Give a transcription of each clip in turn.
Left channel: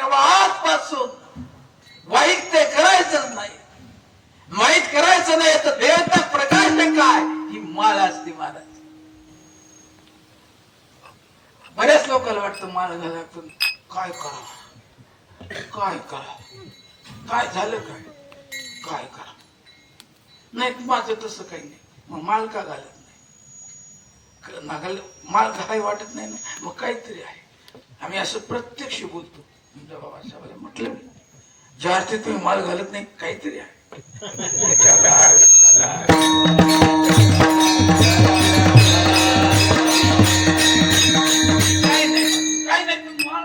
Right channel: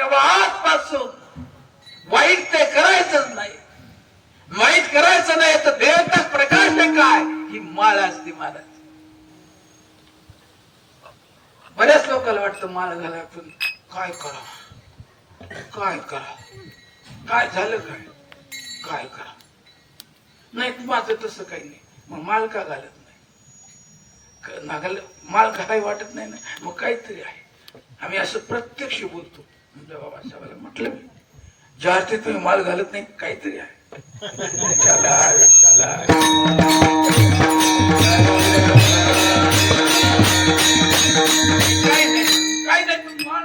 तेव्हा आजपासून वाईट ते करायचंच नाही. वाईट करायचं नाही तर देवता प्रकाश काय ही माळ असते महाराज. बऱ्याच लोकांना वाटतं माळ घाला पण काय करावं काय करावं काय झालं काय काय करावं नाही. माझं तसं काही नाही. मग माळ का घालत नाही? माळ घालाय वाटत नाही ना मग काहीतरी आहे. आम्ही असं प्रत्यक्ष बोलतो. बाबासाहेबाला म्हटलं ज्या अर्थी तुम्ही माल घालत नाही काहीतरी आहे. काय नाही पण माळ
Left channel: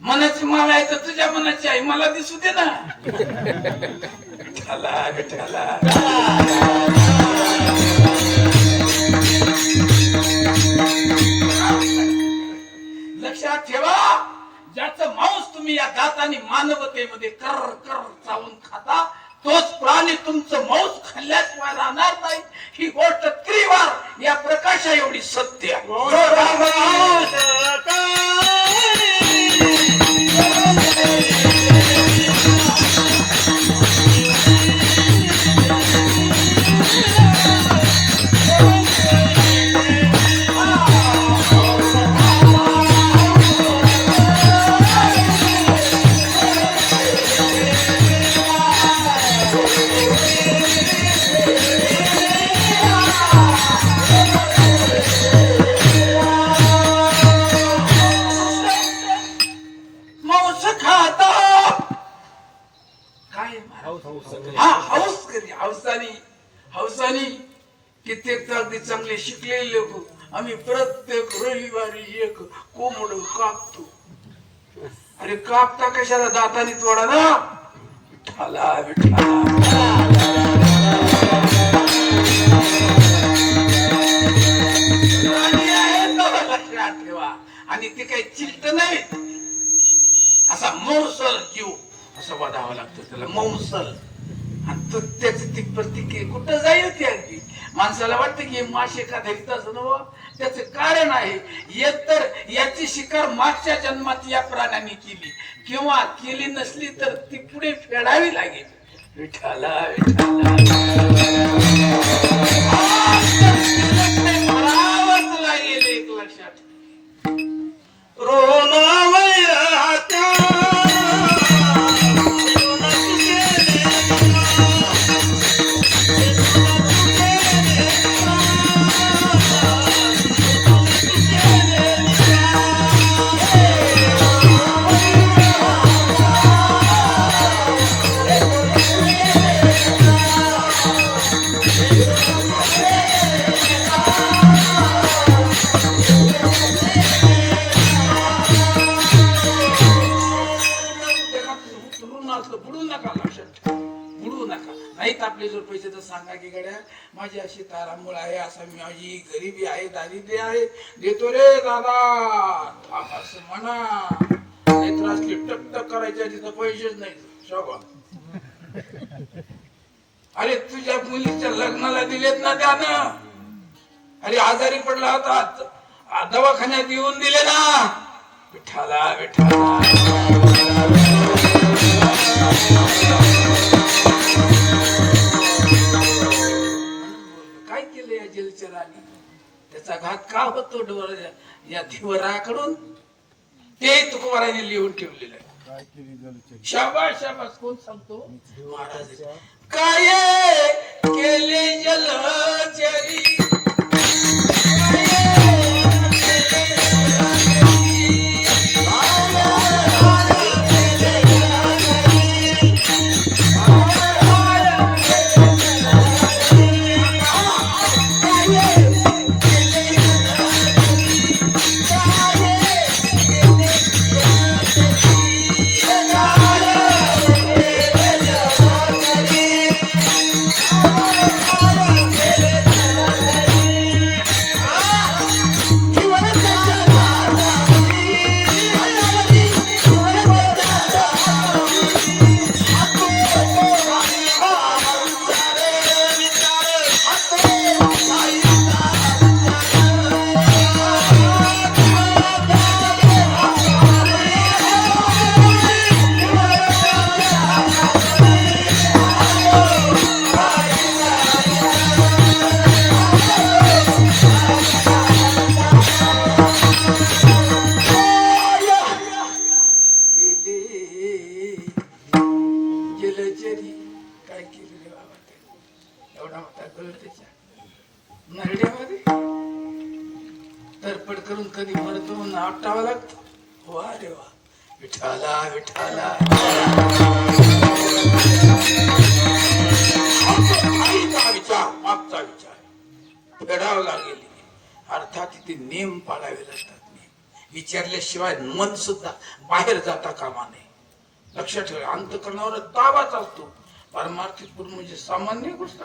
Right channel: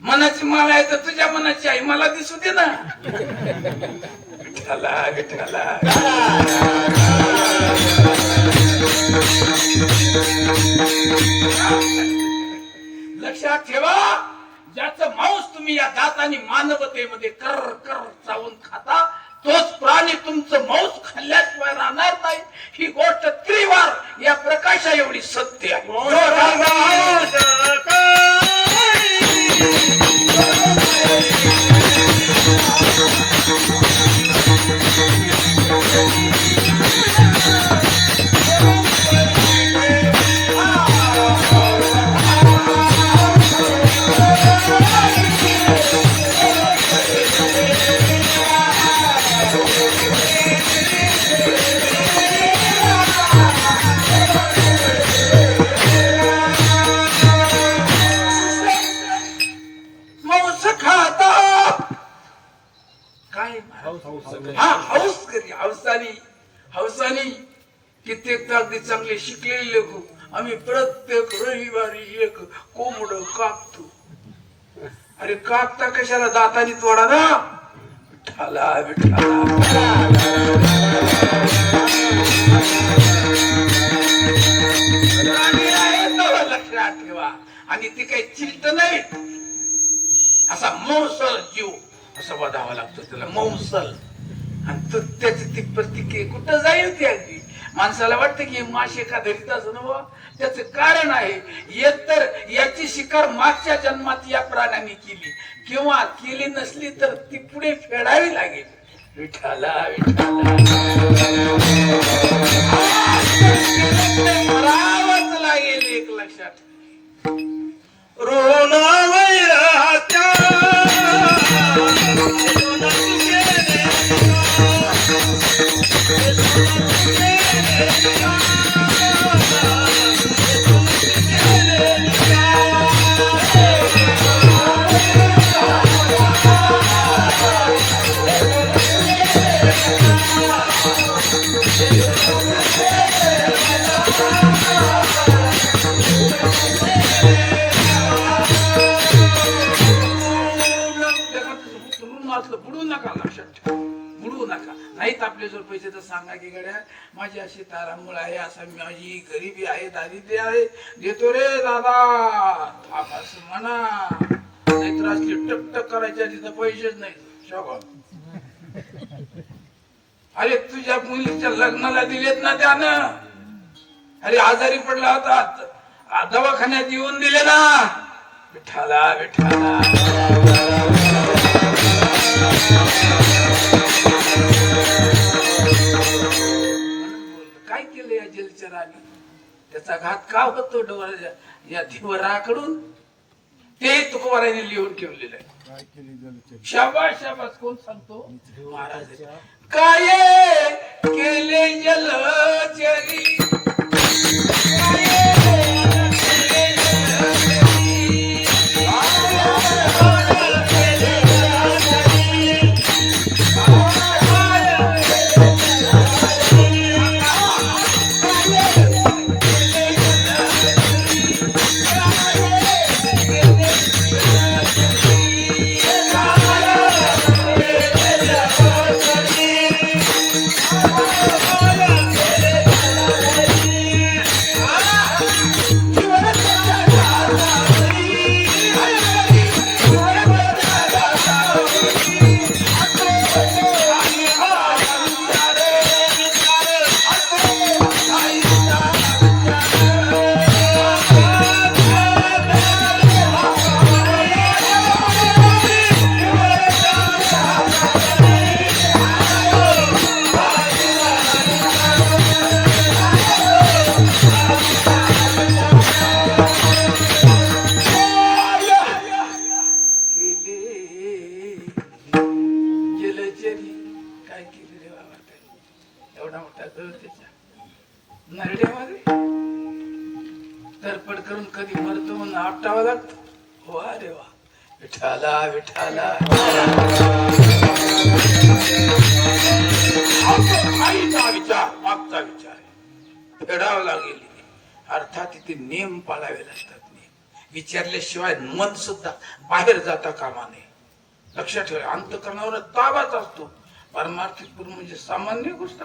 मनाची माळ आहे तर तुझ्या मनाची आहे मला दिसू दे ना. विठ्ठला विठ्ठला लक्षात ठेवा. ज्याचं मांस तुम्ही या दाताने मानवतेमध्ये कर कर चावून खाता तोच प्राणी तुमचं मांस खाल्ल्याशिवाय राहणार नाही. ही गोष्ट त्रिवार या प्रकाशा एवढी सत्य आहे. हौसानी कित्येक अगदी चांगले शिकलेले लोक आम्ही प्रत्येक रविवारी एक कोंबड कापतो. अरे कापता कशाला दातानी तोडा ना. विठ्ठला लक्षात ठेवा. आणि ते काही चिंत नाही. असा मौसल जीव असं वाढावा लागतो त्याला मौसल. आणि त्याची ती प्रतिक्रिया कुठं जाईल ती अगदी माणसाला वाटतं की मासे का धरीत असं नव. त्याचं कारण आहे एक तर याची शिकार मागच्या जन्मात या प्राण्याने केली किंवा केली नसली तर ती पुढे फेडावी लागेल. विठ्ठला विठ्ठला मरावंच लागेल. एक लक्षात बुडू नका. लक्षात ठेवा बुडू नका. नाहीत आपले जर पैसे तर सांगा की गड्या माझी अशी तारांबळ आहे असा माझी गरिबी आहे दारिद्र्य आहे देतो रे दादा असं म्हणा. नाहीतर असली टकटक करायच्या तिथं पैसेच नाही. शोभा अरे तुझ्या मुलीच्या लग्नाला दिलेत ना त्यानं. अरे आजारी पडला होता दवाखान्यात येऊन दिले ना. विठ्ठला विठ्ठला काय केलं या जलचराने. त्याचा घात का होतो डोळ्या या धीवराकडून ते तुकोबाराने लिहून ठेवलेलं आहे. शाबास शाबास. कोण सांगतो? महाराज. काय केले जलचरी आपटावा लागतो. वा रे वा, विठाला विठाला. आईचा विचार, मागचा विचार फेडावा लागेल. अर्थात इथे नियम पाळावे लागतात. विचारल्याशिवाय मन सुद्धा बाहेर जाता कामा नये. लक्षात ठेवा, अंतःकरणावर ताबाच असतो. पारमार्थिक गुरु म्हणजे सामान्य गोष्ट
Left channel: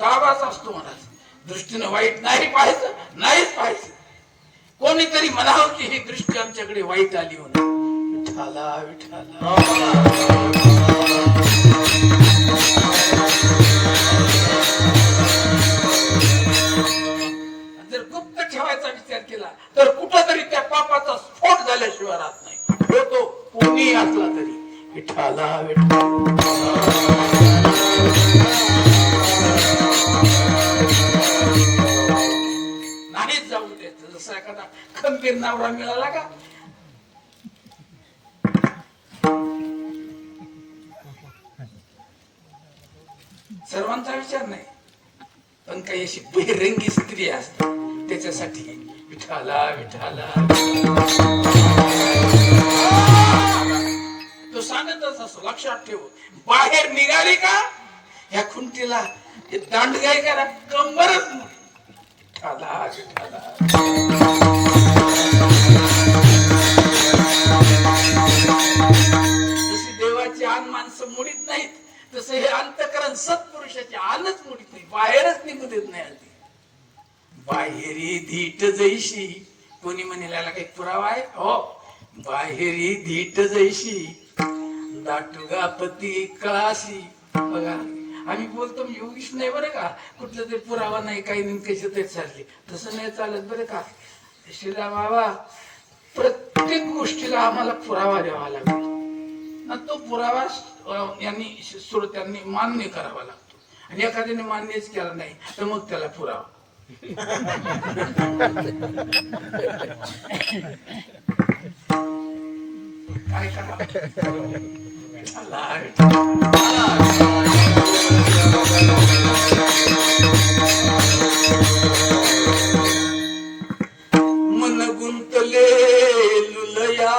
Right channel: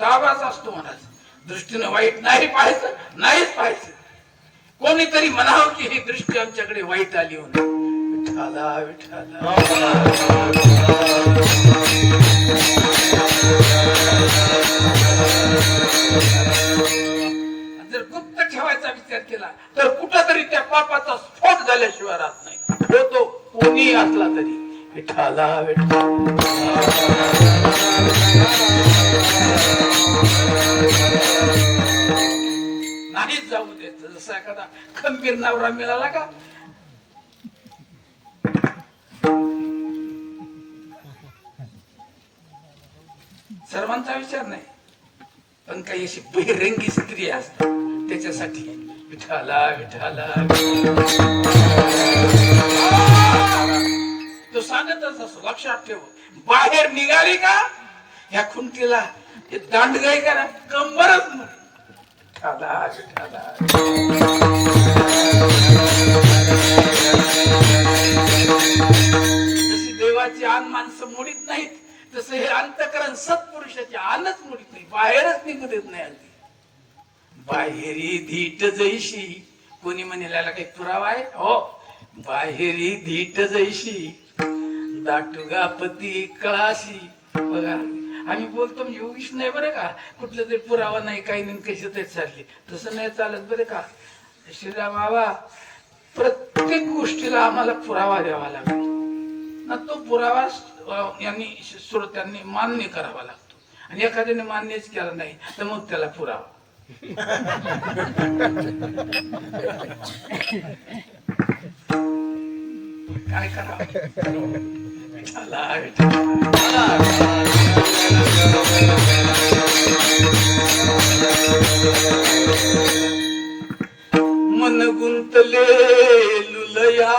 ताबाच असतो. मनाचा दृष्टीने वाईट नाही पाहायचं, नाहीच पाहायचं. कोणीतरी म्हणावं की ही दृष्टी आमच्याकडे वाईट आली म्हणून. विठाला विठाला. जर गुप्त ठेवायचा विचार केला तर कुठंतरी त्या पापाचा स्फोट झाल्याशिवाय राहत नाही. तो कोणी असला तरी. विठाला विठाला. नाहीच जाऊ देत. जसा एखादा खंबीर नवरा मिळाला का सर्वांचा विचार नाही, पण काही अशी बहिरंगी स्त्री असते त्याच्यासाठी. विठाला विठाला. तो सांगतच असतो, लक्षात ठेव. बाहेर निघाली का ह्या खुंटीला दांडगाई करा, कंबरच नाही. विठाला विठाला. जशी देवाची आन माणसं मोडीत नाहीत, तसं हे अंतःकरण सत्पुरुषाची आनच मोडीत नाही, बाहेरच निघू देत नाही. अगदी बाहेरी धीट जैशी. कोणी म्हणेला काही पुरावा आहे? हो, बाहेरी धीट जैशी दाटुगा पती कळाशी. बघा, आम्ही बोलतो म्हणजे उगीच नाही बरं का, कुठलं तरी पुरावा नाही, काही नाही, कशी तरी चालली. तसं नाही चालत बरं का. श्रीराम बाबा, प्रत्येक गोष्टीला आम्हाला पुरावा द्यावा लागतो ना. तो पुरावा यांनी श्रोत्यांनी मान्य करावा लागतो. आणि एखाद्याने मान्यच केला नाही तर मग त्याला पुरावा. काय करावं. मन गुंतले लुलया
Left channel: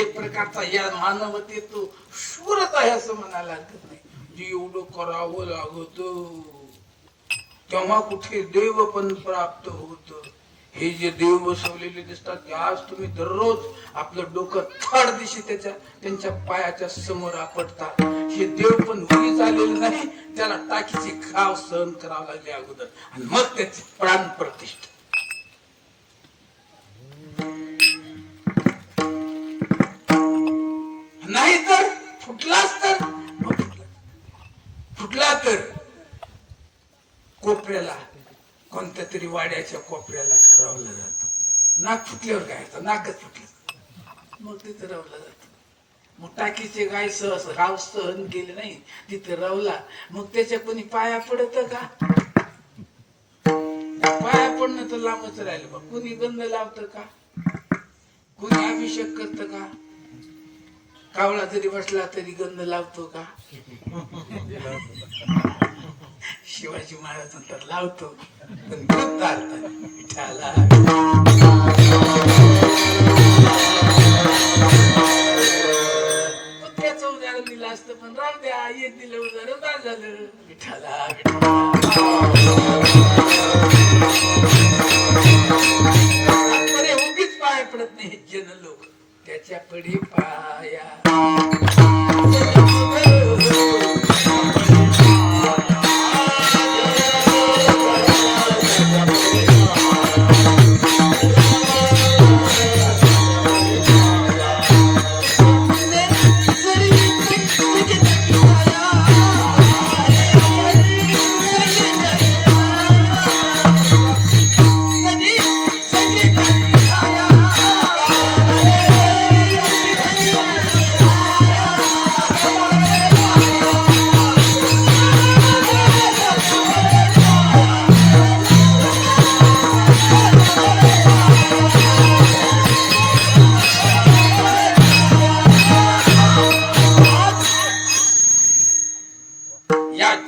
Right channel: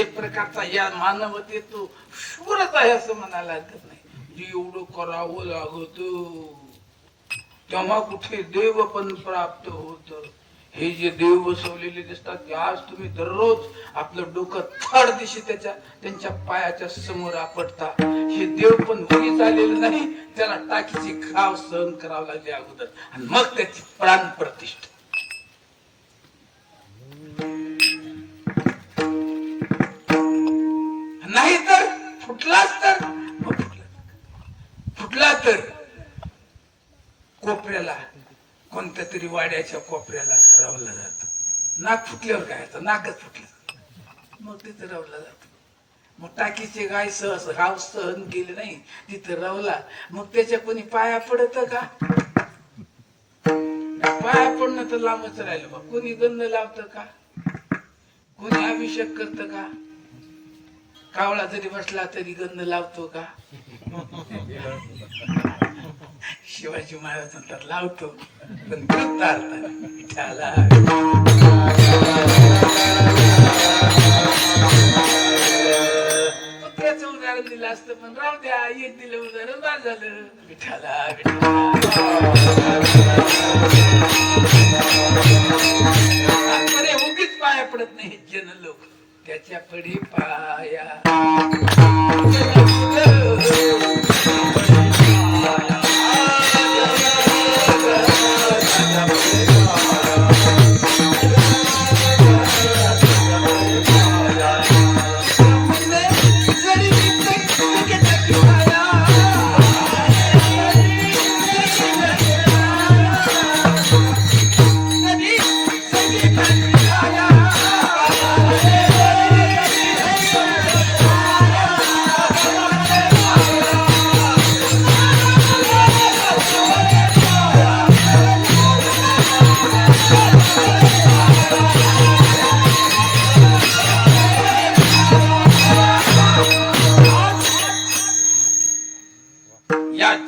एक प्रकारचा या मानवतेत तो शूरच आहे असं म्हणायला हरकत नाही. जे एवढं करावं लागत तेव्हा कुठे देव पण प्राप्त होत. हे जे देव बसवलेले दिसतात की आज तुम्ही दररोज आपलं डोकं थड दिशी त्यांच्या पायाच्या समोर आपटता. हे देव पण उगीच आलेलं नाही, त्याला टाकीची घाव सहन करावं लागले अगोदर, आणि मग त्याची प्राण प्रतिष्ठा. नाही तर फुटला तर कोपऱ्याला, कोणत्या तरी वाड्याच्या कोपऱ्याला रवला जातो. नाक फुटल्यावर काय होतं, नाकच फुटलं मग तिथं रवला जातो. मग टाकीचे गाय घाव सहन केले नाही, तिथं रवला, मग त्याच्या कोणी पाया पडत का? पाया पडणं तर लांबच राहिलं. मग कोणी गंध लावतं का? कोणी अभिषेक करत का? कावळा जरी बसला तरी गंध लावतो का? शिवाजी महाराज म्हणतात लावतो, पण विठाला. एकाच उदाहरण दिलं असतं, पण राहू द्या, एक दिलं उदाहरण बाद झालं. विठाला विठाला उगीच पाया पडत नाही जन लोक, त्याच्या पडी पाया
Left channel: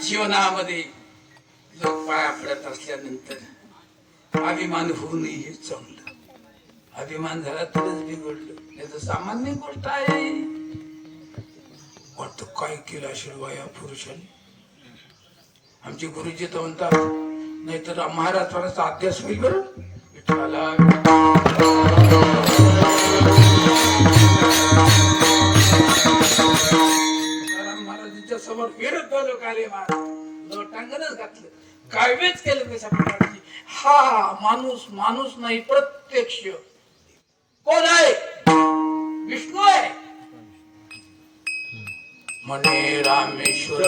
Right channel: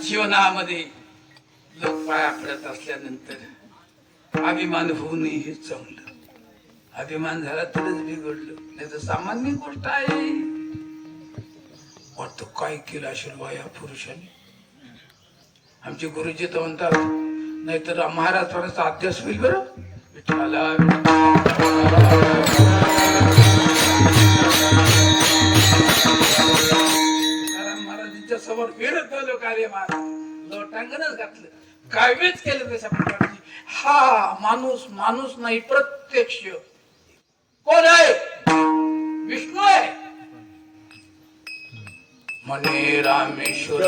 जीवनामध्ये लोक पाया पडत असल्यानंतर अभिमान होऊ नये हे चांगलं. अभिमान झाला तरच बिघडलं, नाही तर सामान्य गोष्ट आहे. वाटतं काय केलं असेल या पुरुषाने. आमचे गुरुजी तर म्हणतात, नाहीतर महाराज थोडासा अभ्यास होईल बरं. विठ्ठला महाराजांच्या समोर फिरत लोक आले, महाराज लोटांगणच घातलं, कायवेच केलं तशा प्रकारची. हा माणूस माणूस नाही, प्रत्यक्ष कोण आहे? विष्णू आहे. म्हणे रामेश्वर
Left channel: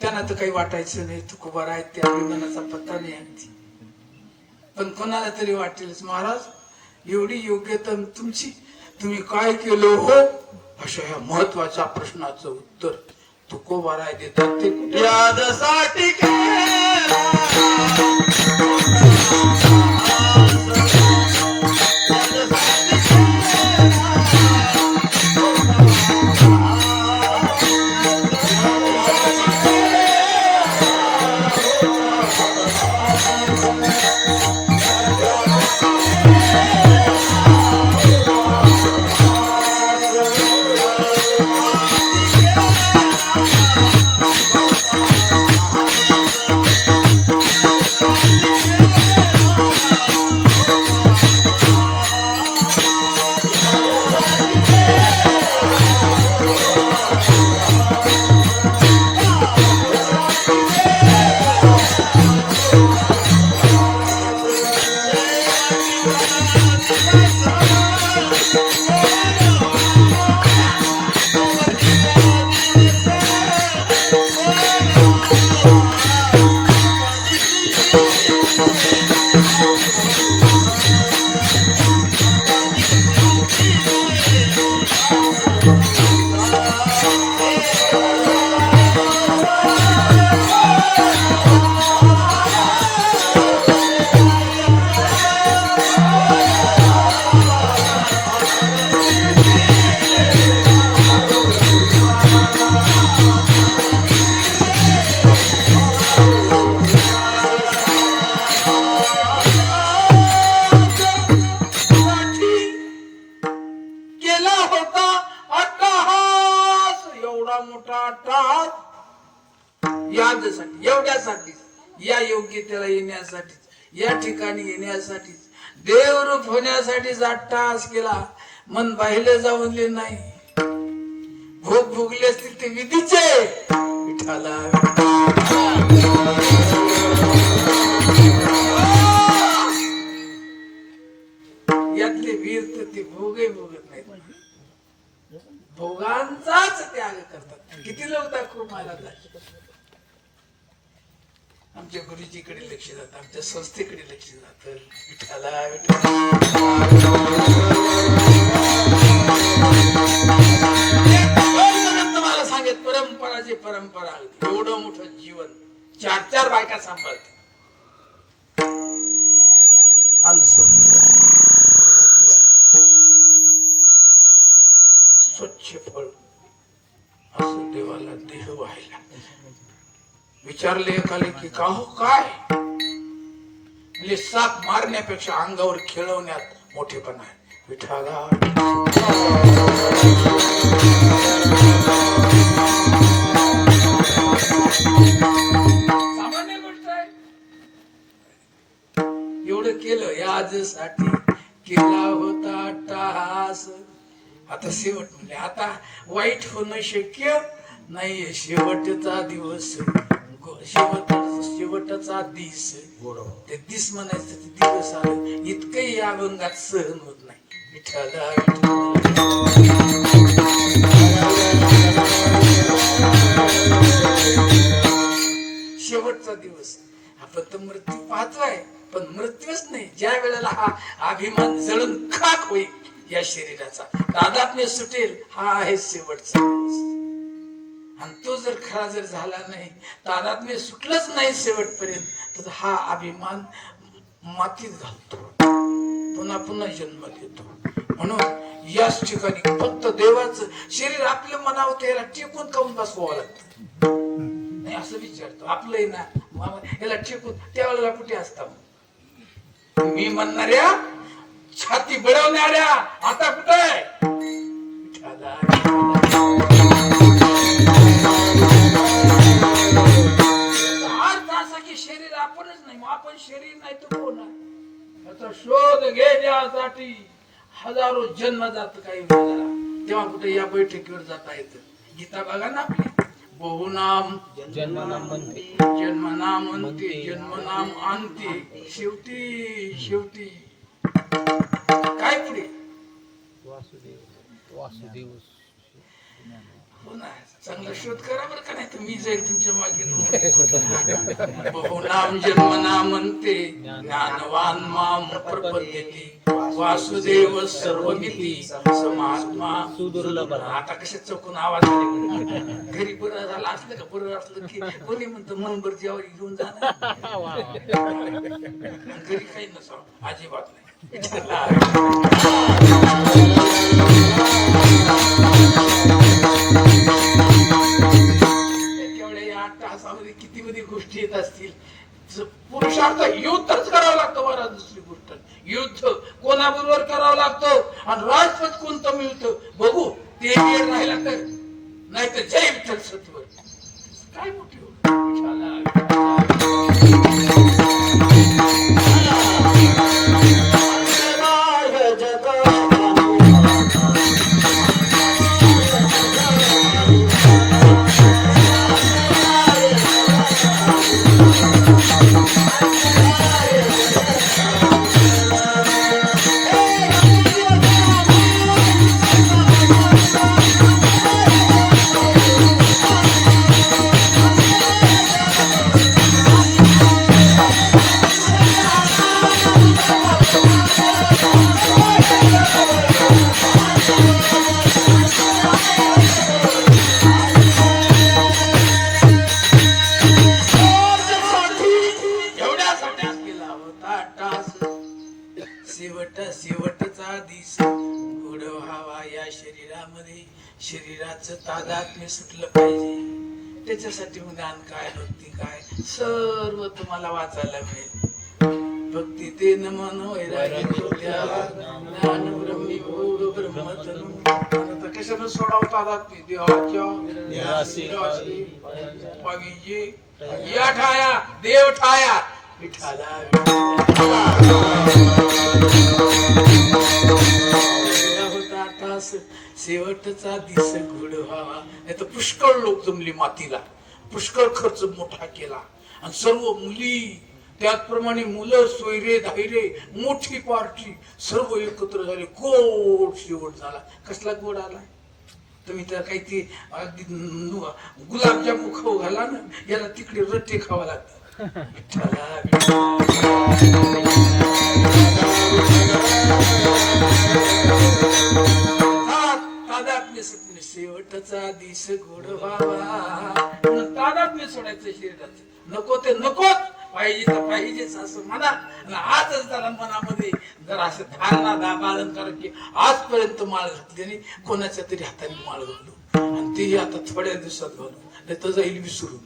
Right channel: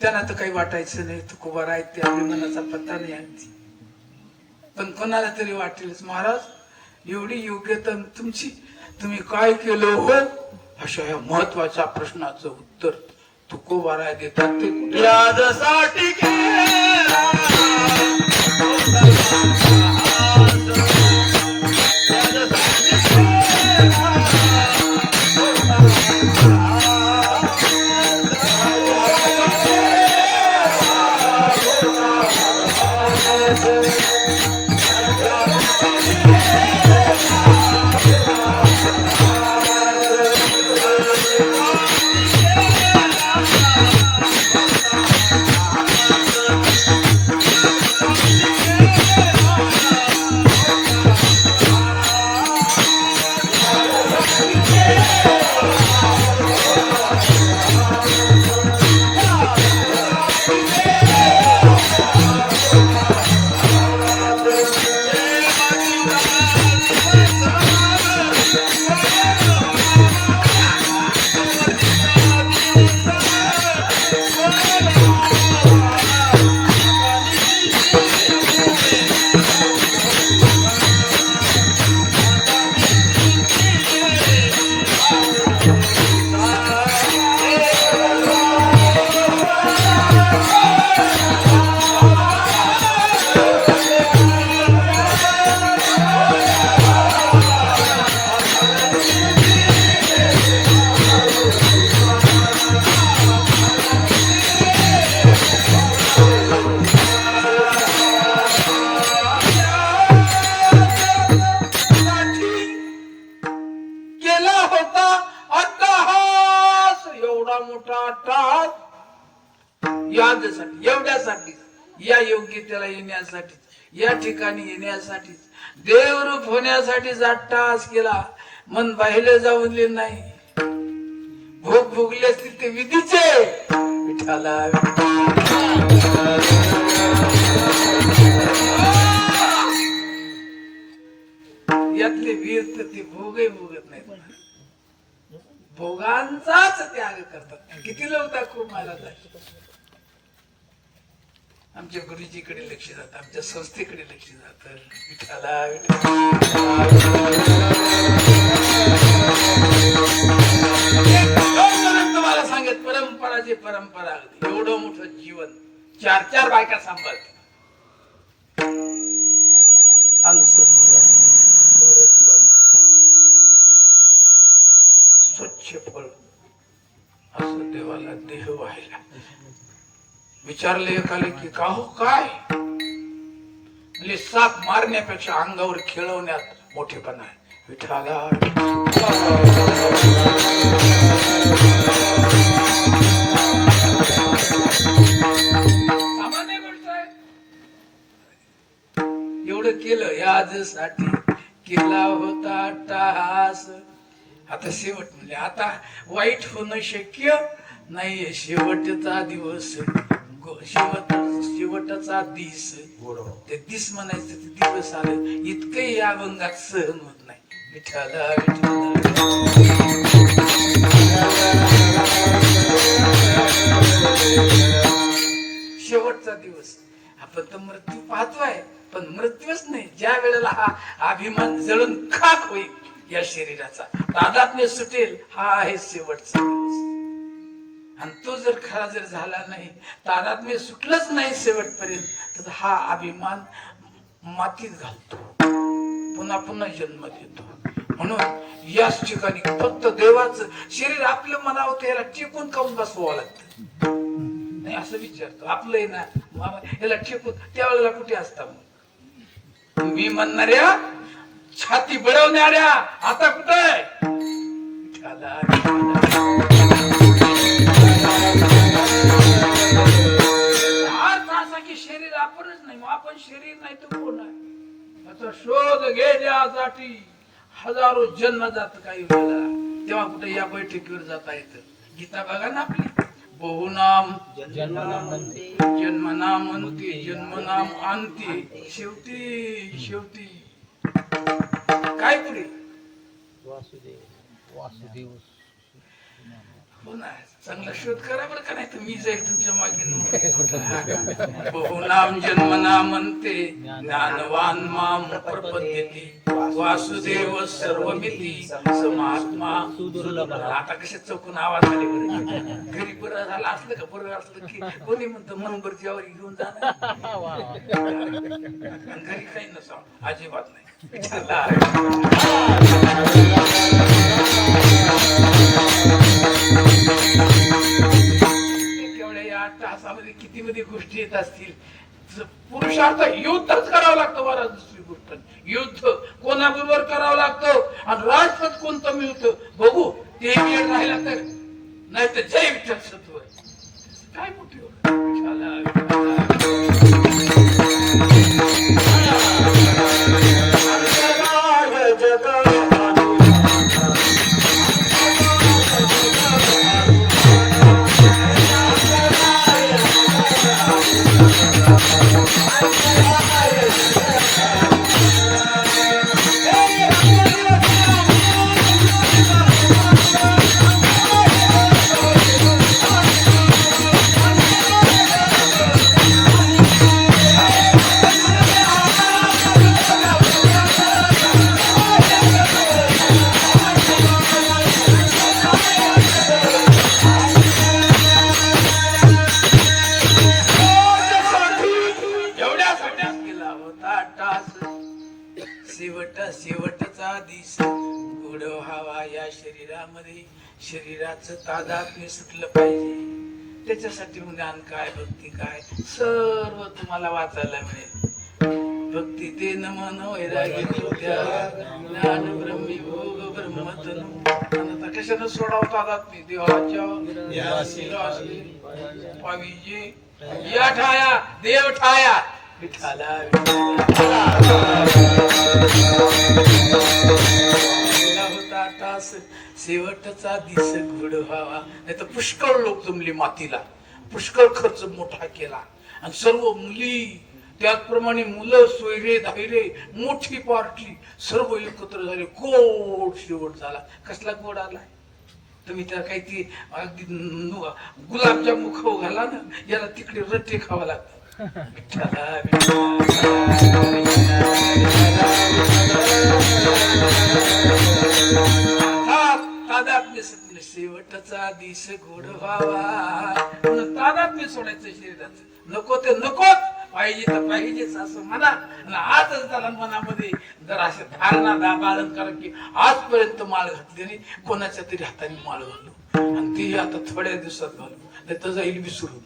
त्यांना तर काही वाटायचं नाही, तुकोबा आहेत ते अभिमानाचा पत्ता नाही आणती. पण कोणाला तरी वाटेलच, महाराज एवढी योग्यता तुमची, तुम्ही काय केलं हो? अशा या महत्वाच्या प्रश्नाचं उत्तर तुकोबा देतात ते कुठे? यादसाठी या योग्यतेला येण्यासाठी, या ठिकाणी येण्यासाठी, देवरूप होण्यासाठी 8 तास केला. मन बाहेर जाऊनले नाही. भोग भोगले असतील ते विधीचे. विठाला यातले वीर तर ते भोगही भोगत नाहीत. भोगांचाच त्याग करतात. किती लोक दाखवू महाराज. आमच्या गुरुजीकडे लक्ष जात, आमच्या संस्थेकडे लक्ष जात. विठाला तुम्हाला सांगत परंपराची परंपरा. एवढं मोठं जीवन 4 बायका सांभाळत. स्वच्छ फळ असं देवाला देह व्हायला. विचारले एकाले की का हो काय? म्हणजे साप मारण्यापेक्षा अंगावर खेळवण्यात मोठेपणा आहे. विठाला सामान्य गोष्ट आहे. एवढं केलं याजसाठी केला होता टास. आता शेवट म्हणजे आता वाईट होणं शक्य नाही. शेवटचा दिवस, शेवटचा दिस. ते दिस म्हणायचं ते दिवस आलं. इतकंही या अभंगात सहन होत नाही. विठाला शेवटचा दिवस. आपण तर मृत्यू पाहतोय, पण मृत्यूच नाही. ज्या वेळेला हा अभिमान जळून खाक होईल या शरीराचा, तादात्म्य सुटेल, हा आहे शेवटचा दिवस. आणि तो जर खरा जर झाला नाही, तादात्म्य सुटलंच नाही शेवटपर्यंत, तर हा अभिमान मातीत घालतो, पुन्हा पुन्हा जन्म देतो. म्हणून याच ठिकाणी फक्त देवाचं शरीर आपलं मनावं त्याला टेकून काऊन बसवावं लागतं. नाही असं विचारतो. आपलं आहे ना याला टेकून त्यावेळेला कुठे असता मी म्हणणाऱ्या छाती बळवणाऱ्या आता कुठे आहे? शरीर आपणच नाही. मग आपण शरीर नाही तर कोण आहे? आता शोध घेण्यासाठी हजारो जन्म जात काही वेळेला. तेव्हा कुठे या बैठकीवर जाता येतं. गीता बघा ना आपली. बहुनाम जन्मनाम म्हणते, जन्मनाम आणते. शेवटी काय पुढे? वासुदेव. हो ना, चांगला शोध करा बरं का, नाही तर मी जाईल तुमच्या मागे. बहुनाम जन्मनाम म्हणते, ज्ञानवान माम प्रपद्यते, वासुदेव सर्वमिती समात्मा सुदुर्लभ. आता कशा चौकून आवाज आले. घरी बरं झालं असलं का, बरं असलं की कोणी म्हणतं मनभर जेवारी घेऊन जाणार. घरी काही नसावं अजिबात नाही. केवढ्या 8 तासामध्ये किती मध्ये गोष्टी येत असतील. पुरुषार्थ युद्धच करावं लागतं. बरं, दुसरी गोष्ट युद्ध कोणाबरोबर करावं लागतं आणि राजपद कोणतं मिळतं बघू. ते राहिला तर, नाही तर जय विठ्ठल सत्व. काय मोठी शेवटचा दिस गोड व्हावा या शरीरामध्ये. शरीराचं तादात्म्य सुटलं पाहिजे. त्याच्यासाठी ज्ञान काय, भक्ती काय, सर्व तुम्हाला वाचायला मिळेल. भक्ती ते मन वैरागी ज्ञान ब्रह्मी भोग ब्रह्मतनु. आता कशानं सोडावं तादात्म्य? देवाच्या पाविजे या ठाया देव ठाया विठाला होता तास शेवटचा दिस घोड व्हावा. नाही तर पुष्कळ लोक जमली मातीला, पुष्कळ खर्च मोठा केला आणि सर्व मुली त्याचप्रमाणे मुलं सोयरे धायरे मोठी पार्टी सर्व एकत्र झाले. गोड शेवट झाला. कसला गोड आला तुम्ही तर काही ते अगदी गुलाबजाम खाऊ घाला ना, याला तिकडे रट्टे खावा लागतात. शेवटचा दिस गोड व्हावा. तादात्म्य सोडायचं शरीराचं. नको ते नकोच, पाहिजे तर पाहिजेच असं म्हणा. आजच त्याला मनामध्ये जर असे धारणा बाळण करा की आजपर्यंत माळ घातली आणि कोणाच्या तरी हाताने माळ घालू आणि ते आता थोड्या दिवसात घालू, नाही तर जाईल विसरून.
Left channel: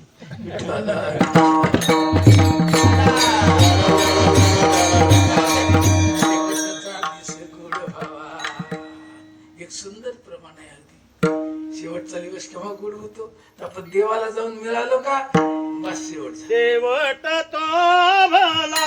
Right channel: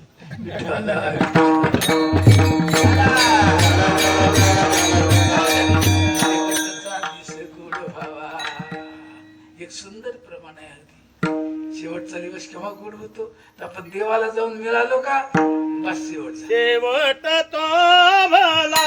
एक सुंदर प्रमाण आहे. अगदी शेवटचा दिवस केव्हा गोड होतो तर आपण देवाला जाऊन मिळालो का बस शेवट तो मला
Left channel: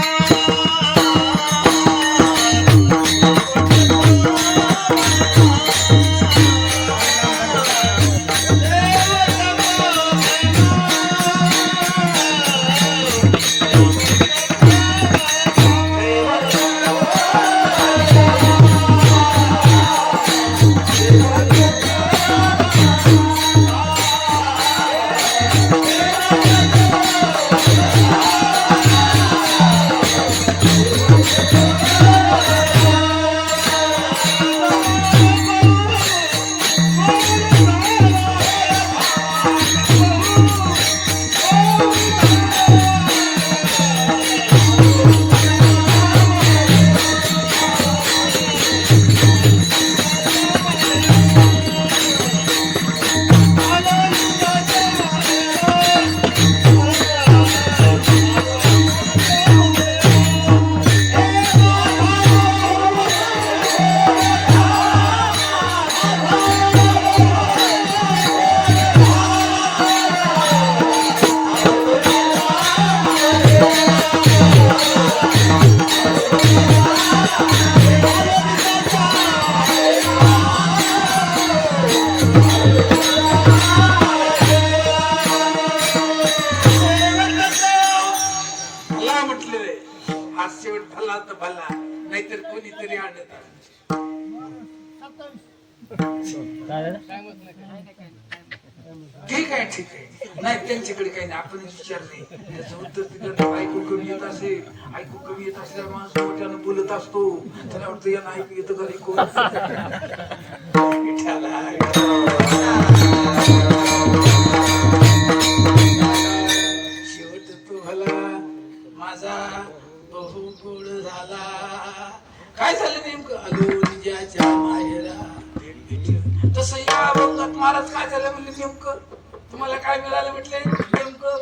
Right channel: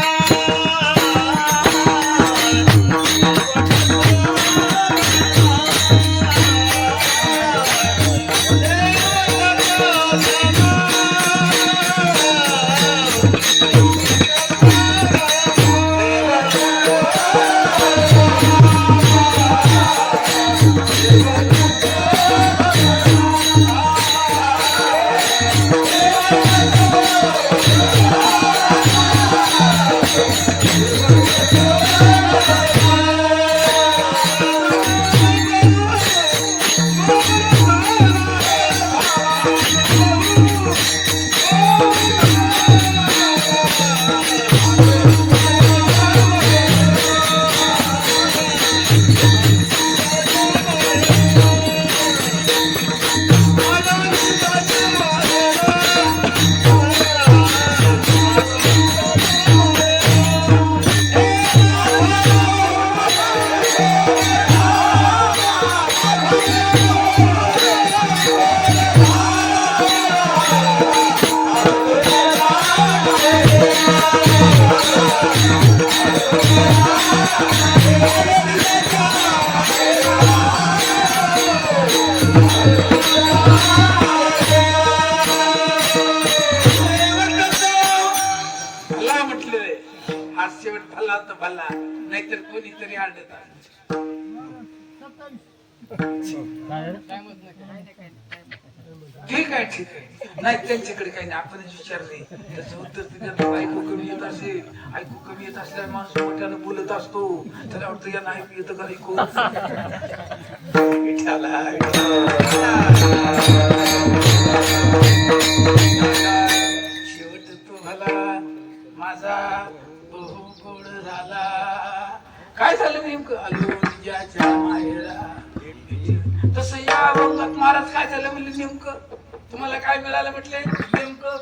नाहीतर कोणीतरी आढळत. ठीक आहे ठीक आहे, नाही त्यांच्याकडे काही नाही, आपणच विचारले. त्याचं उत्तर त्यांना ऐकू कमी येत असेल. ऐकू कमी येत असल्यावर माणूस मोठ्यानं बोलत असतो, त्याला वाटतं यांना ऐकू येतं का ऐकू. शेवट तो भला माझा बहु गोड झाला. काय झालं नेमकं आलो तिच्याच्या माहेरा. तसं या अभंगात महाराज काय झालं म्हणले नेमकं, तुम्हाला काय मिळालं म्हटले नेमकं.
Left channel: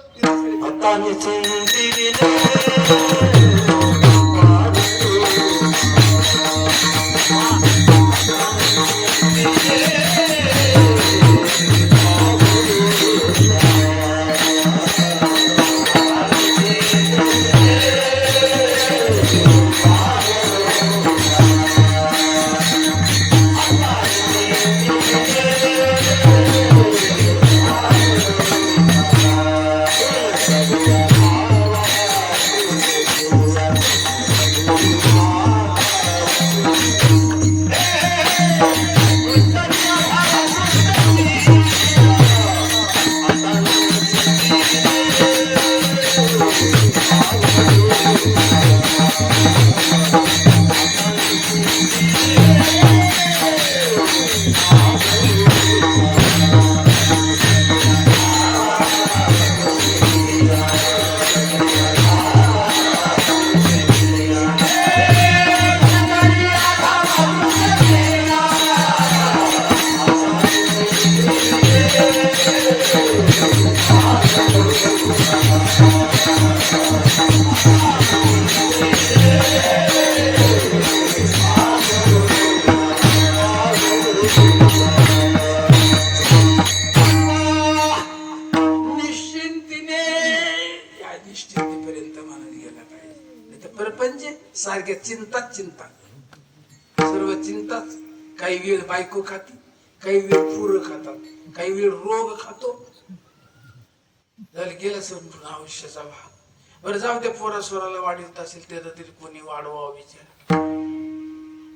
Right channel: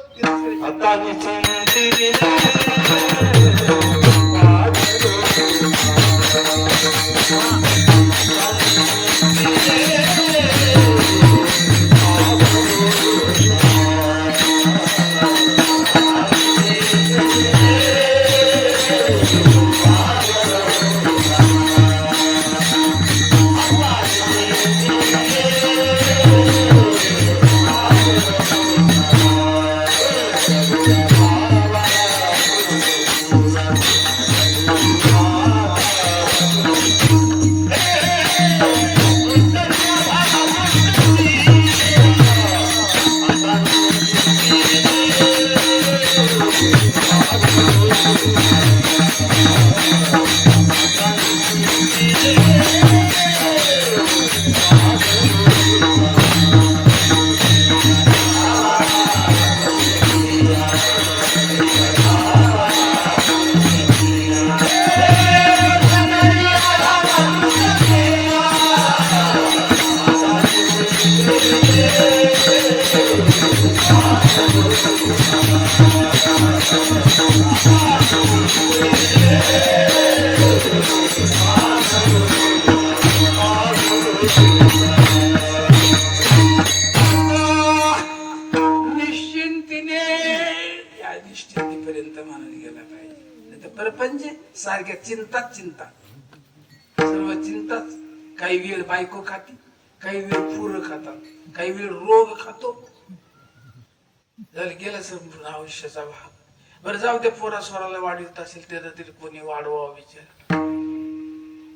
निश्चिंतीने प्रपंच सारख्या चिंताच चिंता, सर्व चिंताच. काही वेळ बायको खाती, काही वेळ पोरं खातात, काही वेळ रोग खातो. जर गेलं समजून आयुष्याचा भाग. बरं जाऊ त्या पोरा स्वराला वाढीत असेल त्याचा तरी कोणी वाढवा विचार.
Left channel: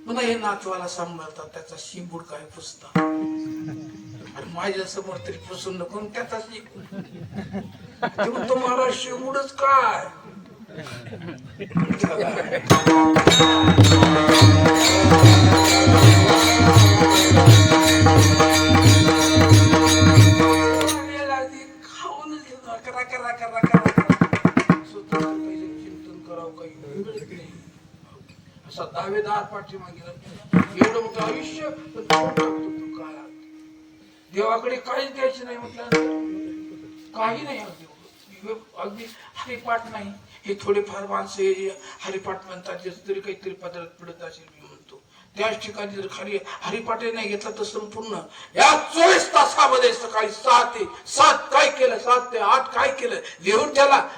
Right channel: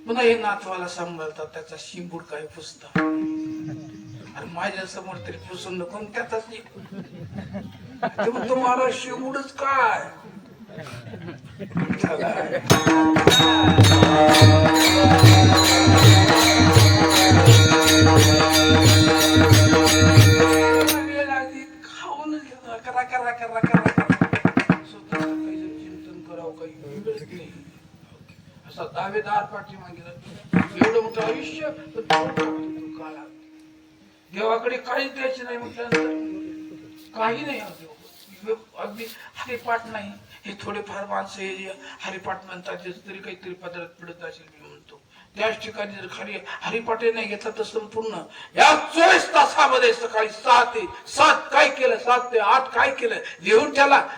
पुन्हा हे नातवाला सांभाळतात, त्याचा शिंबूड काय पुसता. अरे माझ्या समोर तरी पुसून नको त्याचा तुम्ही तुम्हाला शिंबूडच काय. खाऊनच घेतो करा करा करा करा स्वतः चिंतन करावं काही मिळत नाही. असा दावेदार पाठीमागे एवढं मोठं आयुष्य पण टाकतो तो काळा. देवाकडे काहीच द्यायचे नाही म्हटल्यानंतर काही नाही. अगदी हरिपाठ नाही, हे थोडेफार माणसं हे हरिपाठ म्हणतात त्याच तरी काहीतरी पदार्थ पडत असेल मी म्हणतो. त्याच ठिकाणी जर खाली हरिपाठ नाही घेतला तर संपूर्ण या 24 तासामध्ये सकाळी 6 ते 7 काय केलं, 7 ते 8 काय केलं लिहून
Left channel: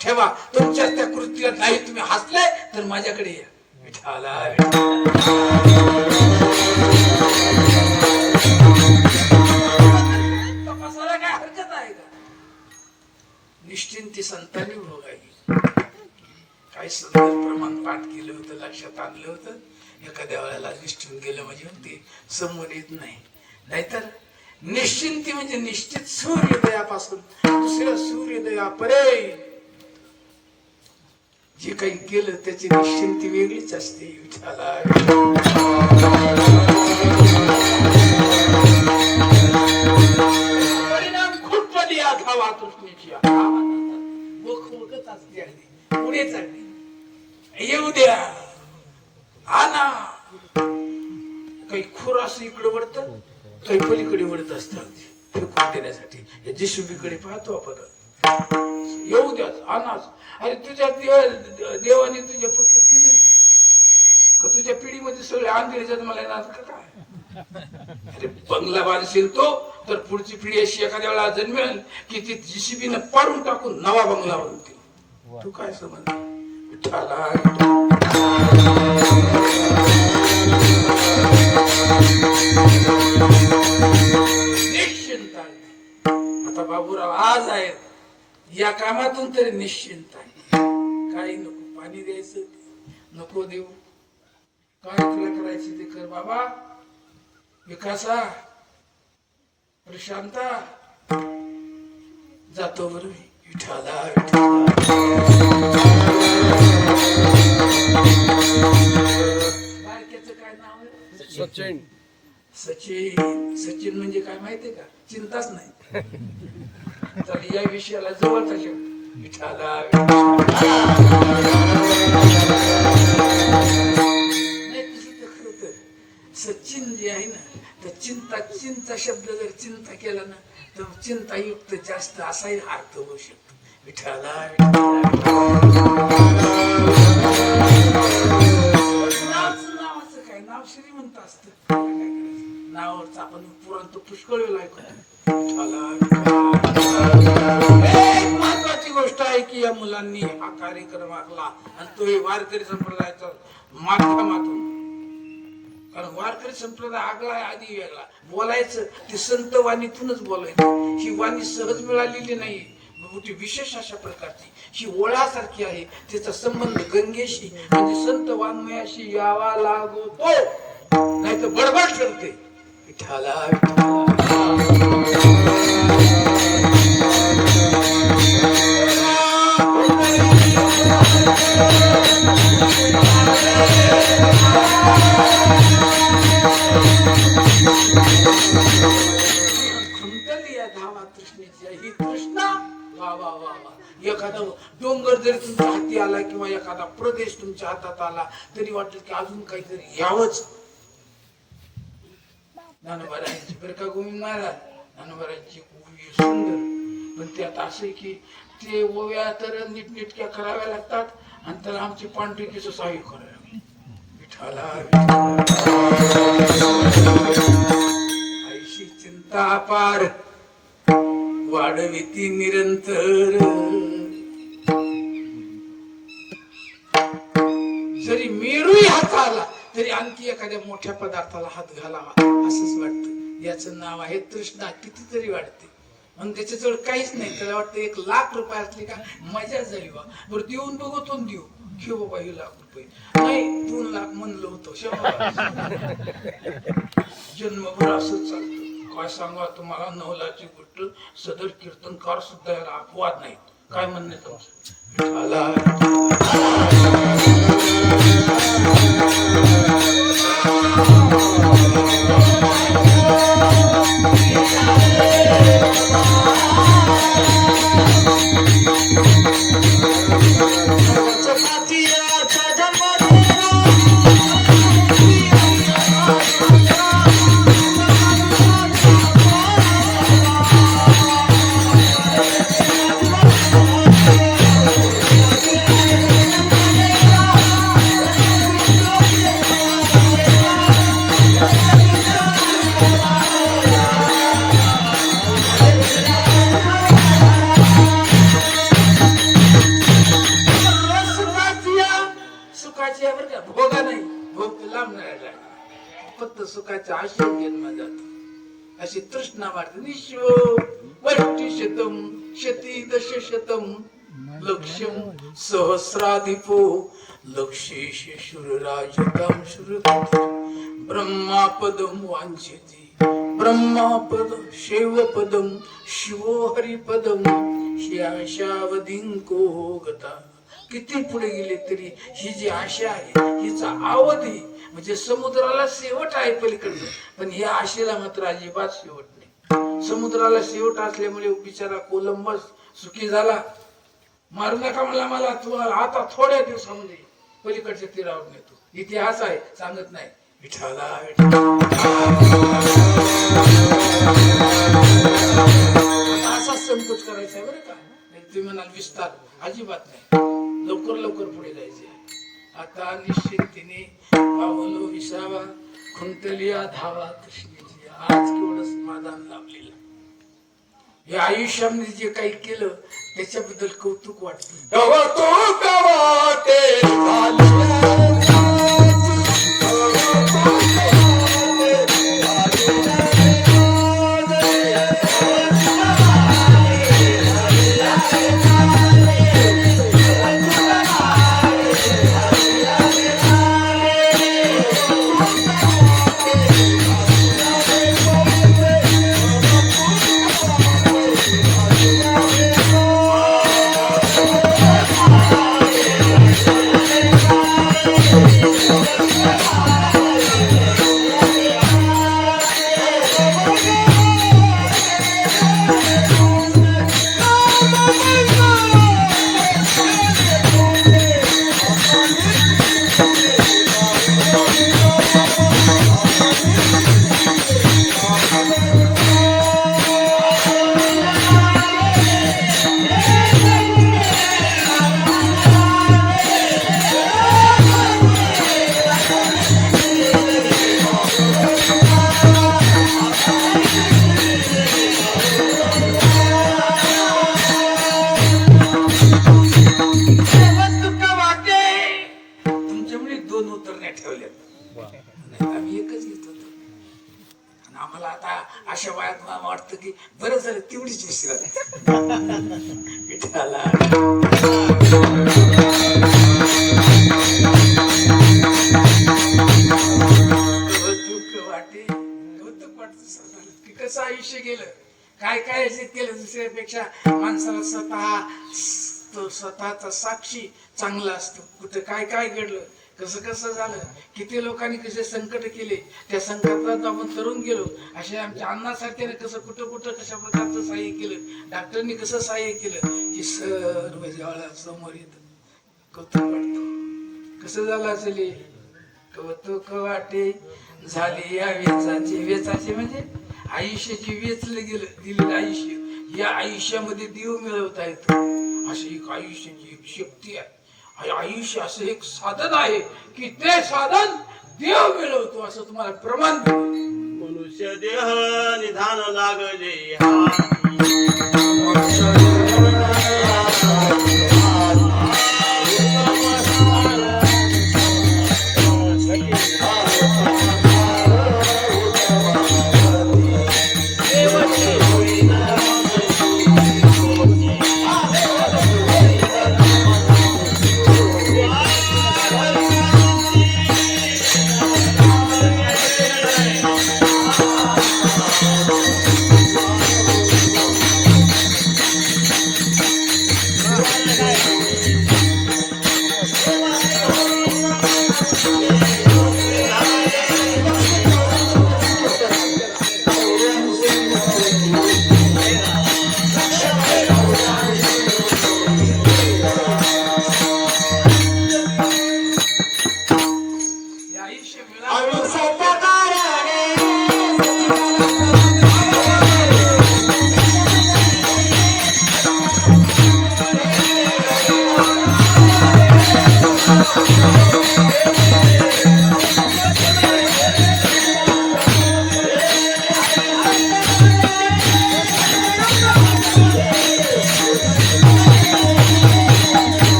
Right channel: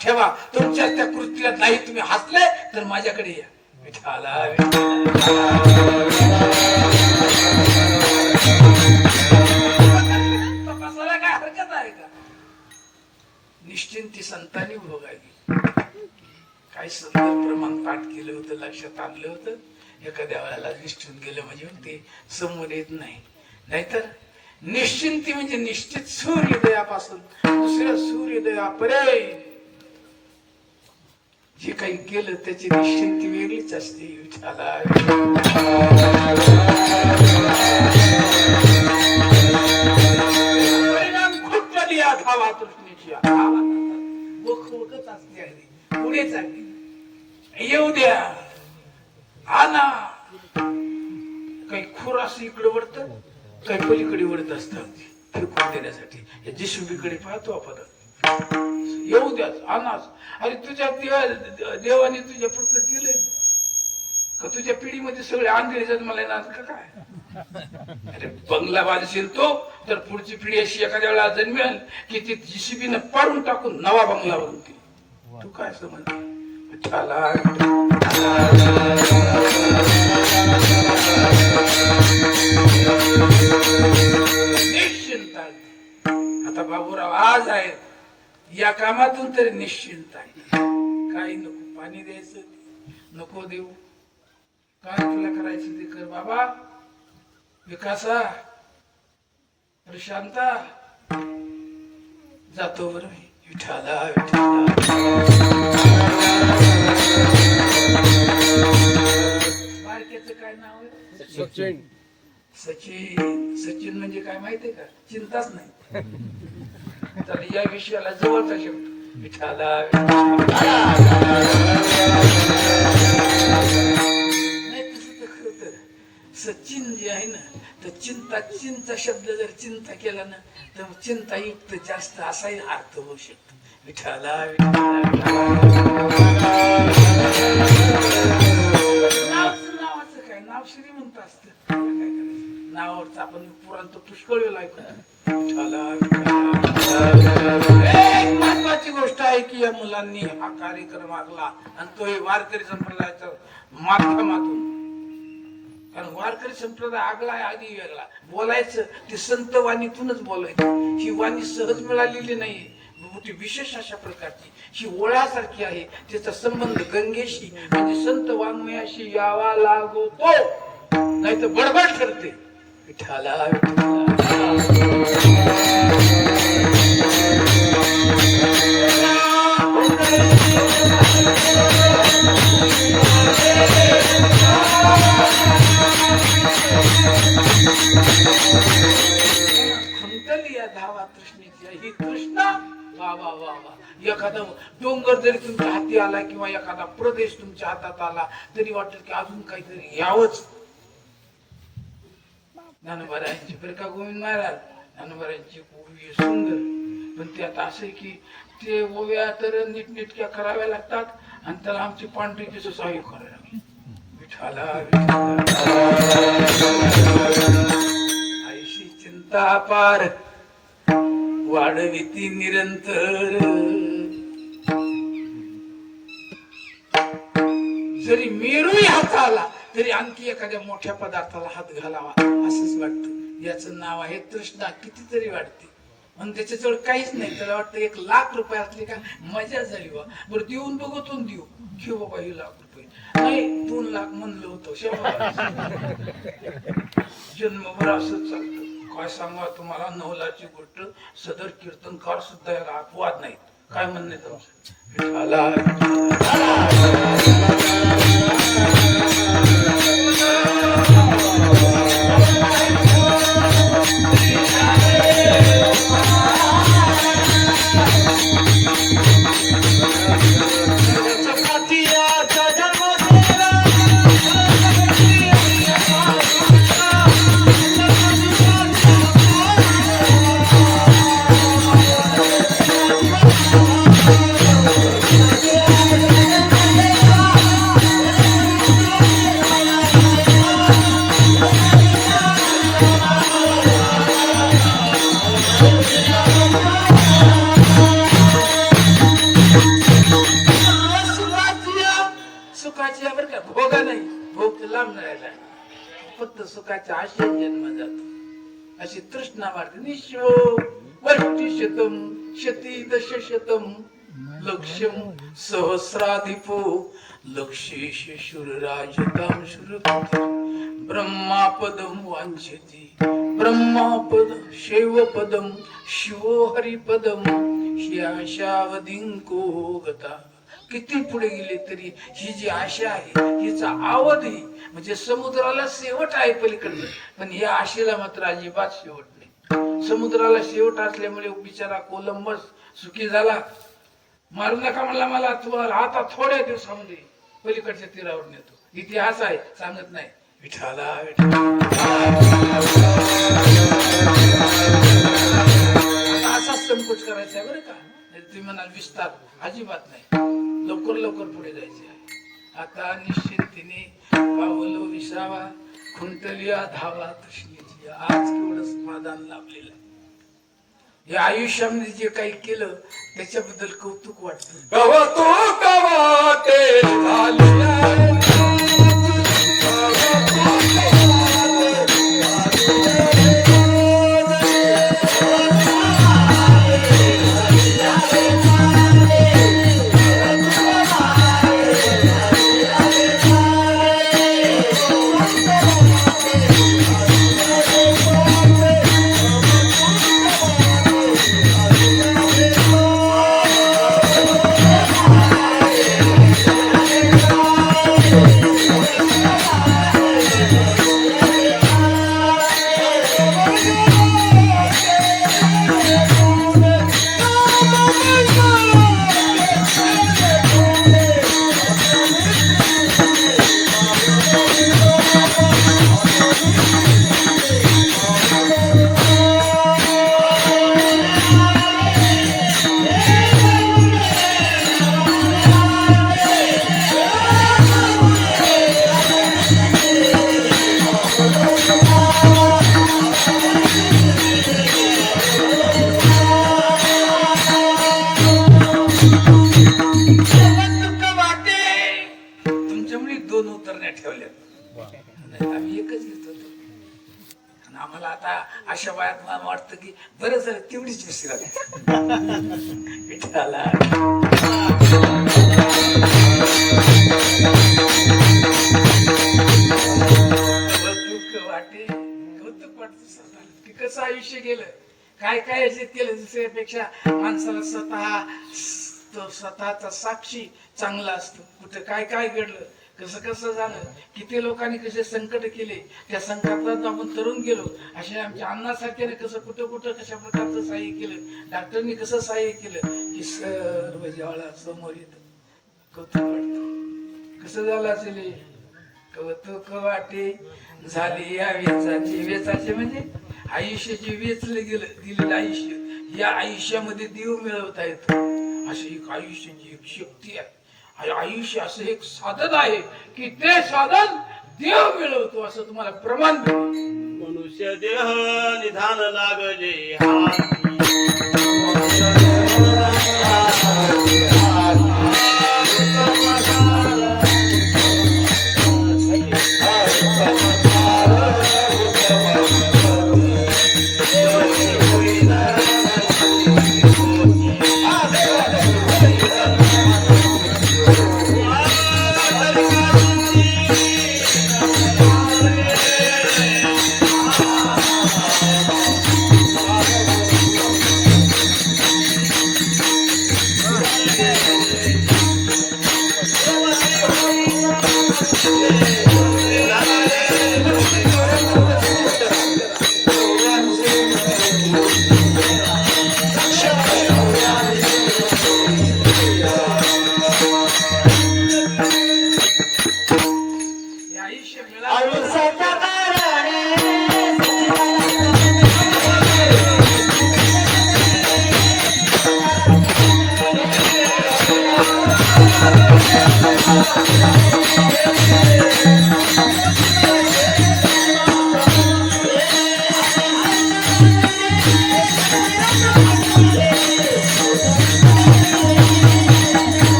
ठेवा. तुमच्या त्या कृतीला नाही तुम्ही हसले तर माझ्याकडे या. विठाला तपासायला काय हरकत आहे का. निश्चिंती संतांनी भोगावी. काही सुंदर प्रमाण पाठ केलं होतं, लक्षात आणलं होतं. एखाद्या वेळेला निष्ठून गेलं म्हणजे ते समोर येत नाही. नाहीतर निश्चिंती म्हणजे निश्चित सूर्योदयापासून दुसऱ्या सूर्योदयापरे जे काही केलं त्याची निश्चिंती वेगळीच असते. विठाला परिणाम खूप कधी धावा तृष्णेची असते. अगदी पुढे चालली येऊ द्या आना. काही खोर असं इकडे वळत, काही पलीकडे वळत असतात फिरकून देण्यासाठी. जिशुबीकडे पाहतो आपण. येऊ द्या आनाच. अरे तुझ्या देवाने तुझ्या फक्त केलंय का तुझ्या पिढीमध्ये सगळे आंधळे जन्माला येणार का काय. अरे बंगला बांधशील तो तर पुढची पिढी अशी एखाद्या वेळा जन्मेल की ती जिसीबीने पाडून टाकून नवा बंगला बांधते. तू काय समज निश्चिंत आहे. आता बाबूराव आज आहे या कामातून तरी निश्चिंत आहे. काही नको पाणी द्यायचं नको देऊ, काय तुला करायचं ते कर बाबा. विकासा प्रशांता जातो बरं मी. विठाला बारक्याचं काय नाव आहे. सचिन. सचिन सचिन म्हणजे काय माहितीये का, चिंताच नाही. तर या विषयाला जवळचा शेवट. विठाला नाही तसं तर खरं तर सचिन जे आहे ना तर चिंता शब्द जर चिंता केला ना तर चिंतायुक्त जास्त असाही अर्थ होऊ शकतो. विठाला नावाचं काय नाव श्रीमंत असत. नावावरच आपण पुराण पुष्कळ वेळ ऐकू. एक महत्वाची गोष्ट आहे की या मुलांनी हा कार्यक्रम आखला आणि तो हे वारकरी संप्रदायाच्या माध्यमातून. कारण वारकरी संप्रदाय आगळा आहे आधी वेगळा. बोलायचं ते संत वाणीतूनच बोलायचं. ही वाणी सहज मिळालेली नाही, मोठी विशेष अशा प्रकारची ही ओळासारखी आहे. त्याचा संबंध गंगेशी म्हणजे संत वाङ्मयाशी यावा लागतो, नाही तर बडबड ठरते. विठाला धावा तृष्णेची ही तृष्णा. वा वा वा वा. एखादा डोंगर जरी तुमच्या हाती आला किंवा एखादा प्रदेश तुमच्या हातात आला तरी वाटत की अजून काहीतरी यावंच. ज्ञानोबारायांची बरं का गोविंद महाराज ज्ञानोबारायांची ओवी सुंदर, पण त्यात असं की ते ओव्या तर नीटनेटक्या कराव्या लागतात आणि त्याला आमची पांढरीकीचं सहाय्य करायला लागले. विठाला आईशी चिंता पार वाढविती निरंतर. जरी मेरूही हात आला तरी आणखी एखाद्या मोठ्या पदार्थाला हात घालावा असंच वाटतं. याचं नाव आहे तृष्णा. कितीतरी वाटते आणि त्याच्याजवळ काहीच नाही. त्याला वाटतं 1,00,000 असले का मजा झाली बा. बरं देऊन बघतो देऊ घेऊ बाबा 1,00,000 नाही 2,00,000 म्हणलं होतं. जन्मभर असंच चालतं. काय सांगा तुम्हाला 9,00,000ची गोष्ट. सदर कीर्तनकार सुद्धा याला अपवाद नाही. काय म्हणणे फक्त सुखाचा आशय जन्म जातो. अशी तृष्णा वाटते. निश्व वष्टी शतम शती दशशतम लक्ष्यम सहस्राधिपो लक्षेश शूरराजतां शूरपती ब्रह्मापदम वांछति ब्रह्मापद शैवपदम शिवो हरिपदम ह्याशावधिंको गता. किती पुढे गेले तरी ही जी आशा आहे हिचा अवधी म्हणजे समुद्राला शेवट आहे पलीकडे. पण या आशेला मात्र अजिबात शेवट नाही. समुद्राला शेवट असल्यामुळे बिचारा कोलंबस सुखी झाला. मारू नका म्हणला मला आता थोड्या दिवसामध्ये पलीकडच्या तीरावर नेतो. इतिहास आहे सांगत नाही. विठाला असा संकोच करायचा आहे बरं का. तुम्ही म्हणाल विस्तार अजिबात नाही. लवकर लवकर पुढे जायचे आहे. आता निश्चिंतीने पावलं विसावा खुंटलिया धावा तृष्णेची. आज केवढं समाधान लाभलेलं आहे. या आयुष्यामध्ये जे काही केलं त्याच्याबद्दल कौतुक वाटतं. कौतुक वाटे आम्हाला आता अशा वयात मला वाटतं की बरं झालं तेवढीच विसरा. विठ्ठला कौतुक वाटत की कसं आयुष्य गेलं. काय काय याच्यात केलं दुसऱ्यापेक्षा. माणसाला स्वतःचा साक्षी चांगला असतो. कुठं काय काय घडलं कसं कसं झालं किती लोकांनी कसे संकट केले त्या संकटात आपण तरुण गेलो. अशा आमच्या अण्णासारख्याने कसं कुठं कुठं कशा प्रकारचं सहाय्य केलं. डॉक्टरनी कसं सहाय्य केलं की सर्व ज्वाळा समोर येत. कौतुक वाटत. कसं झालं असेल कौतुक वाटे झाले या वेचाचे. वेचाचे म्हणजे आयुष्याचे वेचलं गेलेलं आयुष्य. या आयुष्यामध्ये देव मिळवता येतो. अशी एक आयुष्याची एक शक्ती आहे. आयुष्य असं एक साधन आहे की ते साधन देव मिळवतो असं तुम्हाला प्रमाण देतो. मनुष्य देह निधान लागले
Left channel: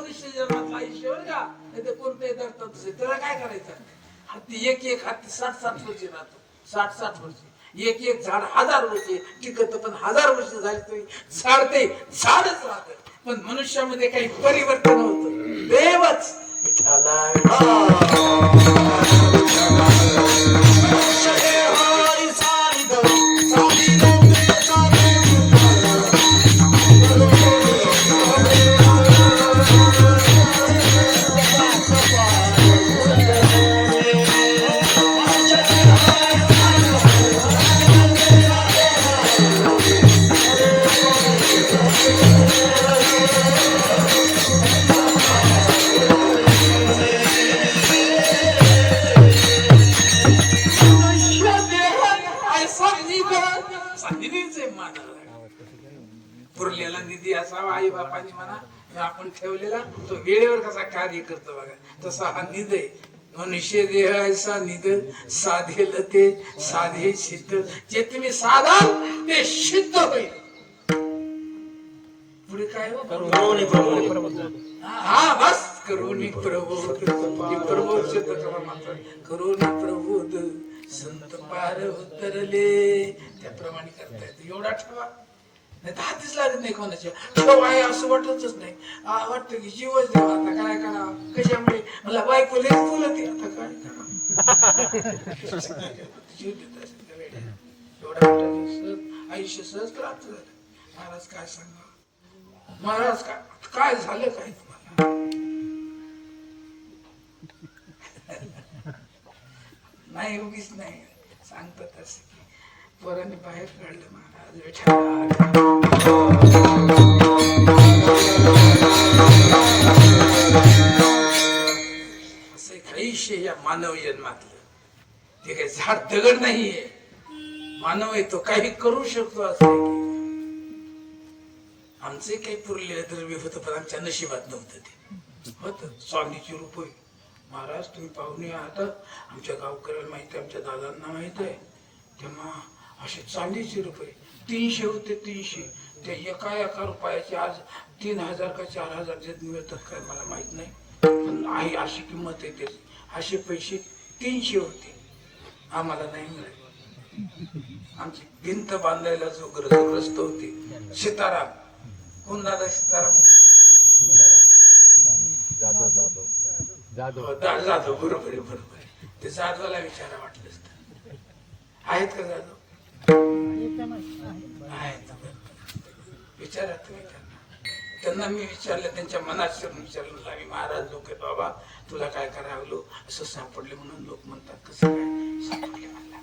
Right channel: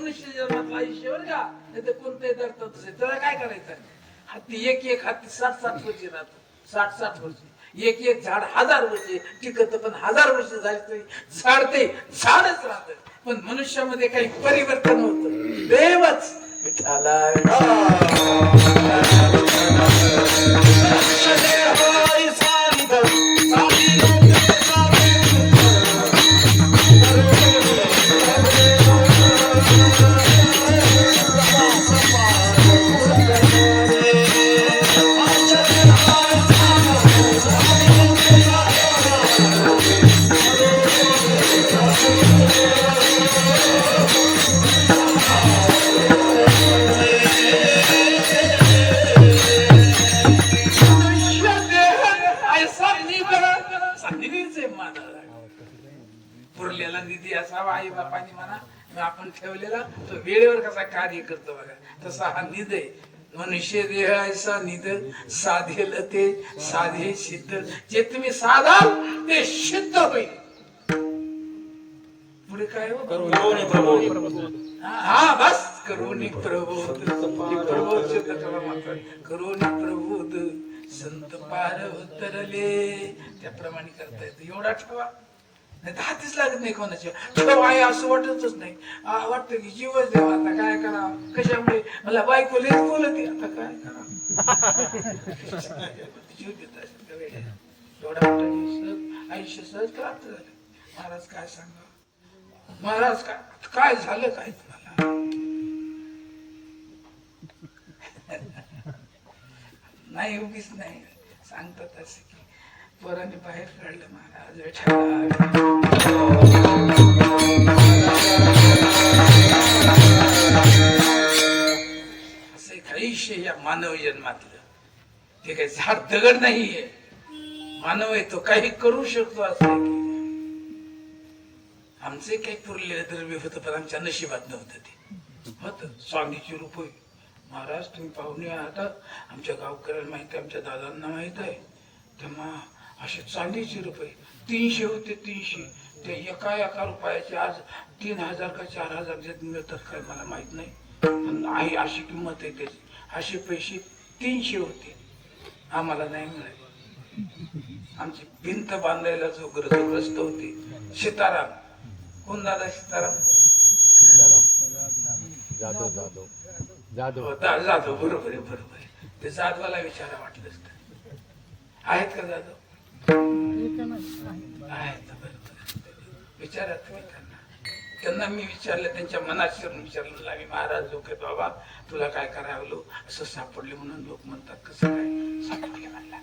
मनुष्य जन्मातलं आयुष्य बरं का, नाही तर कोणत्याही दर्तातच आहे. त्याला काय करायचं? हत्ती एक हत्ती 60-60 वर्षे राहतो, 60-60 वर्षे. एक झाड 1000 वर्षे टिकत, पण 1000 वर्ष झाली तरी झाड ते झाडच राहत. पण मनुष्यामध्ये काही परिवर्तन होतं. देवच विठ्ठला पुरलेला निधी असावा आई बापानी म्हणा आपण ठेवलेला, तो वेळेवर कसा कार्य करतो बघा, तसा हा निध आहे. मनुष्य देह ऐसा निध साधेल ते साधे सिद्ध. जे तुम्ही साधाल ते सिद्ध होईल. पुढे काय हो? करुणी प्रबोध. हा बस करुणी प्रबोध. प्रबोध सिद्ध करा मात्र. करुणी प्रबोध संत पार उतरले, त्याप्रमाणे करता येतं. एवढा ठेवा, नाही तर हातीच लागत नाही कोणाच्या. ठेव आहे असं वाटतच नाही. वाटतं की जीवच द्यावा, आता काय करा. कशामुळे? मला बायको लेच बोलते, आता काय करा. जीव देत असेल त्या वेळेला. एवढा मोठा आयुष्य सहज प्राप्त झालं. महाराज काय सांगा, महाराज काय झालं काय तुम्हाला? नाही उगीच नाही सांगतात असं की पोरांनी बाहेर काढलं महाराज विठ्ठला. असं एक आयुष्य या मानव जन्मातलं. ते काही झाड दगड नाहीये, मानव आहे तो, काही करू शकतो. असं आमचे काही पुरलेलं द्रव्य होतं, पण आमच्या नशिबात नव्हतं. ते होत स्वामीची रूप होईल. महाराज तुम्ही पाहुणे आहात, आमच्या गावकऱ्याला माहिती आहे, आमच्या दादांना माहित आहे. तेव्हा असे चांदीचे रुपये 300 होते. 300 ते एका रुपयाचे आज 3000 का 4000 मिळतात काय मला माहित नाही, पण आहे अशी किंमत आहे त्याची. असे पैसे 300 होते, आम्हाला नाही मिळाले. आमची भिंत बांधायला जो गरजग्रस्त होते सीताराम. कोण दादा? सीताराम जाधव. बरोबर आहे, बरोबर आहे. ते जाधवाला विचारा वाटलं असतं. आहेत का जाधव? आहेत. विचारा तुम्ही त्यांना. मी विचारलं, त्यांच्या मनात शिरून विचारलं. आम्ही महाराज लोक आहेत बाबा, तुला काय करावं असं सापडले म्हणून लोक म्हणतात. कसं काय सापडले म्हणला?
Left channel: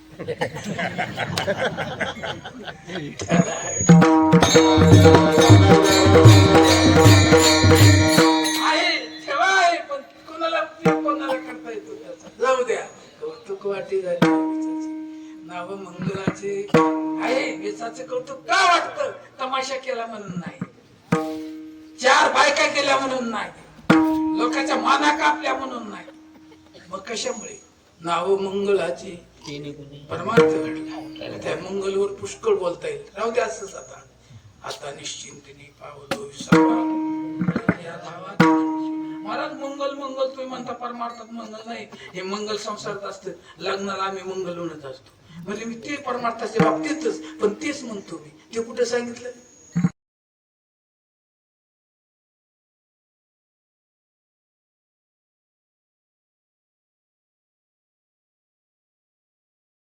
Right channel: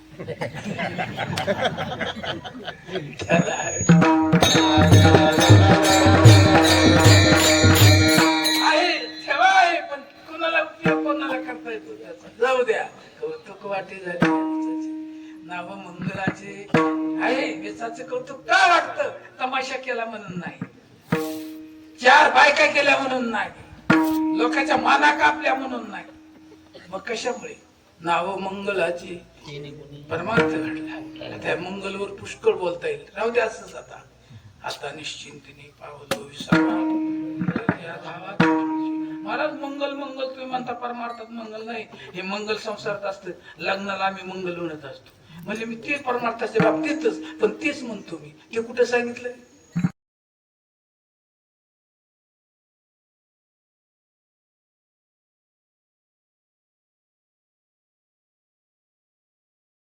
ठेवा आहे, पण कोणाला उपयोग कोणाला करता येतो त्याचा. जाऊ द्या, कौतुक वाटी झाली. नाव मंगलाचे आहे, वेचाचे कौतुक का वाटतं? तमाशा केला म्हणून नाही, 4 बायका केल्या म्हणून नाही, लोकांच्या माना कापल्या म्हणून नाही. मग कशामुळे? नाव मंगलाची परमार्थ घडला. त्या मंगलवर पुष्कळ बोलता येईल. राहू द्या असंच. आता निश्चिंतीने पावलो विसावा या धावात. महाराज मंगल मंगल तुम्ही म्हणता, परमार्थात मंगल नाही. हे मंगल संसारात असतं. लग्नाला आम्ही मंगल म्हणत असतो. म्हणजे मी ते परमार्थाच्या बाबतीतच, पण तेच म्हणतो मी. ते कुठे सांगितलं?